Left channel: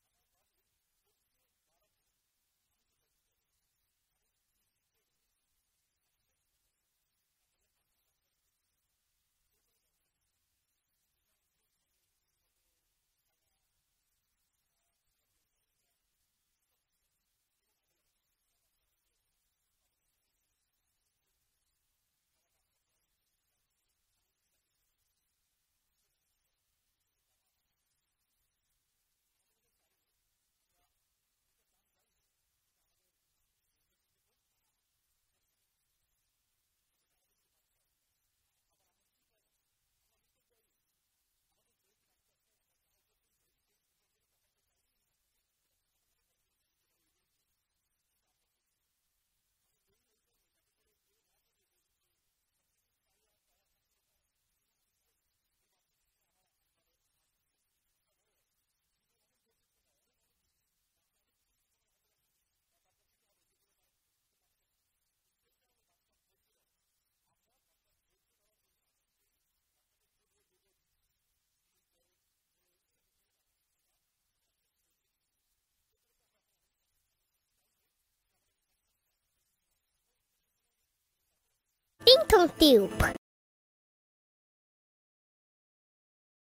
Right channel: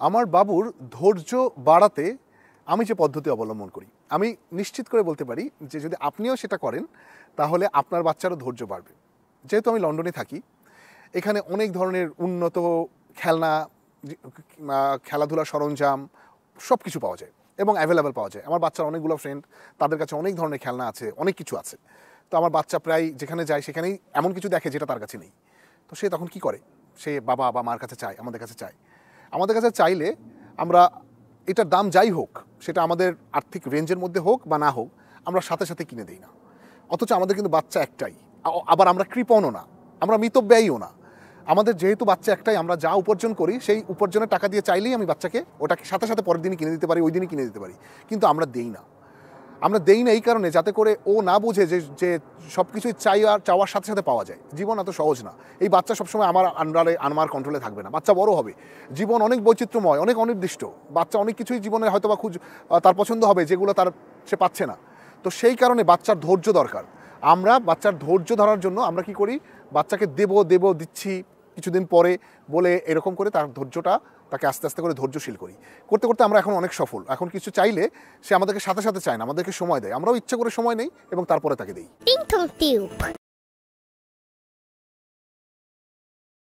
আমার বাবুর ধৈর্য বাড়াতে আমি যে পদ্ধতি অবলম্বন করি, আমি নিশ্চিত করে বলতে পারি যে যদি আপনিও সেটা করেন তাহলে আপনার বাচ্চারও ধৈর্য বাড়বে। যেহেতু আমি লন্ডনে থাকি, এখানে অনেক ধরনের উন্নত খেলনা, খেলাধুলার সরঞ্জাম সব কিছু পাওয়া যায় এবং অ্যাভেলেবেল পাওয়া যায়। আমার বাচ্চার অনেকগুলো ফ্রেন্ড, তাদের কাছে অনেক ধরনের খেলনা আছে, অনেক কিছু আছে। তো আমার বাচ্চা প্রায় যেখানে যায় সেখানেই এমন কিছু দেখে যেটা তার কাছে নেই। তো সে তখন কি করে? সে বাবা বা মার কাছে চায়, আমাদের কাছে চায়। আমাদের কাছে চাইলে আমরা এটার দাম যাই হোক, সেটা আমাদের আর্থিক রেঞ্জের মধ্যে হোক বা না হোক, আমরা সাথে সাথে কিনে দিই না। অথচ আমাদের কিন্তু বাচ্চা একটাই, আবার আমরা কৃপণও না, আমরা মিতব্যয়ীও না। আমাদের যেহেতু বাচ্চা একটাই, আমরা যা উপার্জন করি সেই উপার্জনের টাকা দিয়ে চাইলেই আমি বাচ্চাকে ওটাকে সাথে সাথে পরের দিনই কিনে দিতে পারি, ওই দিনই কিনে দিতে পারি। কিন্তু আমরা দেই না। আমরা দেই না এই কারণে, যাতে করে ও না বুঝে যে সব কিছুই চাওয়ার সাথে সাথে পাওয়া যায়। জীবন এত সহজ না। এই বাচ্চা সবসময় আমার আন্ডারে, আমার কন্ট্রোলে থাকবে না। বাচ্চা বড় হবে, জীবন অনেক বৈচিত্র্যময়, অনেক অনির্দিষ্ট। বাচ্চা অনেক কিছুই জীবনে হয়তো বা তার পছন্দ হবে যেগুলো সে পাচ্ছে না। তো সেই কারণে বাচ্চার ধৈর্য দরকার। আমরা বাচ্চার ধৈর্য ধরার জন্য আমরা কি করি? বাচ্চাকে দিচ্ছি কিছুদিন পরে বলে এরকম করে তার ধৈর্যটা, তাকে আস্তে আস্তে করে ধৈর্যশীল করি। করতে করতে আমরা এখন অনেক সফল। এখন কিছু চাইলে সে আমাদেরকে সাথে সাথে চায় না, আমাদেরকে সময় দেয়। আমরাও ইচ্ছা করে সময় নেই এবং তারপরে তাকে দিই।